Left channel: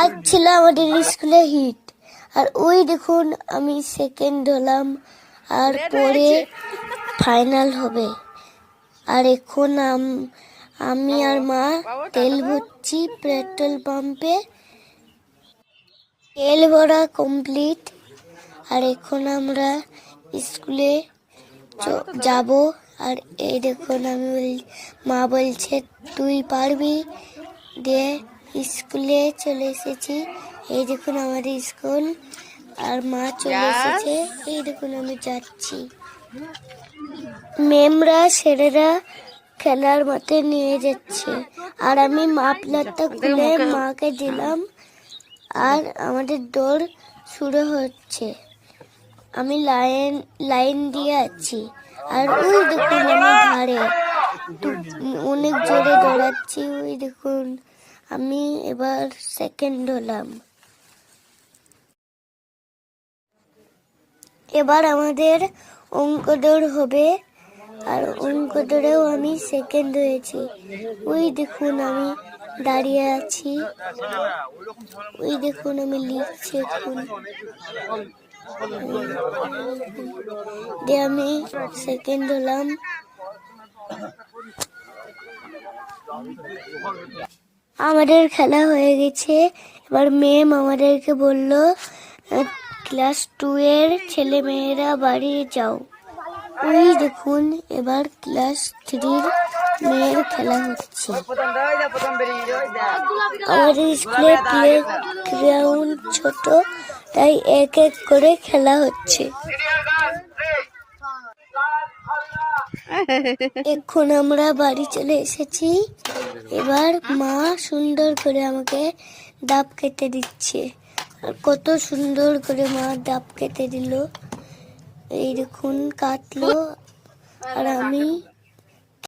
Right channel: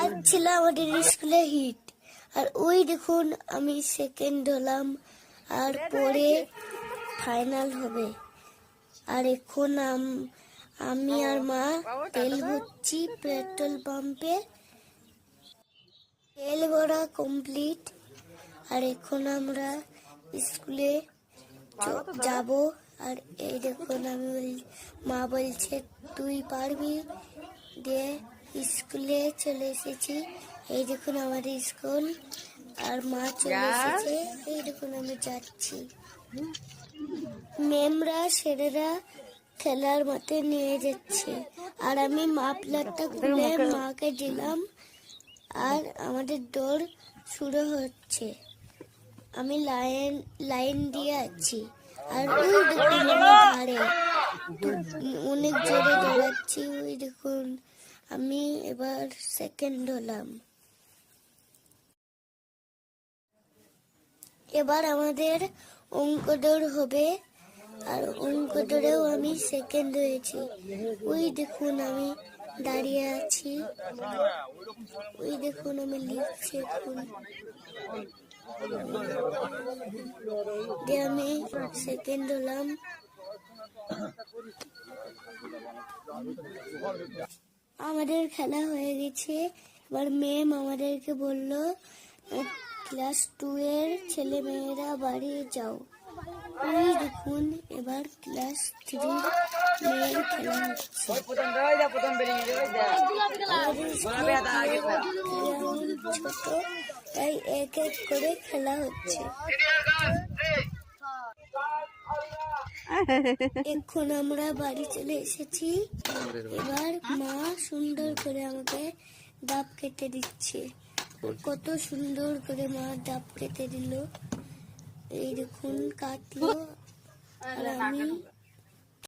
আজ ছিল আমাদের স্কুলে হিট, আর ওই দেখুন আমি সেকেন্ড হলাম, আর পরে ফাইনাল হবে। আর এখন আমি আর মা তেল ভরছি পেট্রোল পাম্পে। তেল ভরা কমপ্লিট, আর এখন আমরা স্কুলে যাব। আর এই দেখুন মা বলছে তুই পারবি, দিয়ে স্কুলে চলে এসেছি। এই দেখুন আমাদের স্কুল, আর মা চলে এসেছে। এই দেখুন আমি যাচ্ছি। মেমরা ছেলেরা খেলার মাঠে নিয়ে যাচ্ছে, আর আমি মাফলারটা খুলে মাকে দিলাম, আর আমাদের দৌড় শুরু হচ্ছে। আমি লাইন দিয়ে আছি, আর ওই দেখুন আমি ধারে অনেক জোরে দৌড়াচ্ছি। ওই দেখুন আমি এবার সেকেন্ড হলাম। এবার আমাদের অঙ্ক দৌড় হবে, আর অঙ্ক দৌড়েও আমি সেকেন্ড হয়েছি। ওই দেখুন আমি দাঁড়িয়ে আছি, ওই দেখুন আমি লিখছি এখন। দিয়ে আমি সেকেন্ড হলাম। আমাদের খেলা হয়ে গেছে। এবার ম্যাম আমাদেরকে বলল ক্লাস 2 এর ছেলে মেয়েরা বাড়ি যাও। ওই দেখুন এবার ক্লাস 3 মেয়ের খেলা হচ্ছে। আমাদের স্কুলে প্লে গ্রাউন্ড ছোট, তাই এক এক করে খেলা হচ্ছে। এখন আমরা বাড়ি চলে এসেছি। এবার মা সুন্দর করে আমাকে ডাব কেটে দিচ্ছে, আর কত সুন্দর করে মা ডাব কেটে দিল। এই দেখুন কাটলো, আর আমি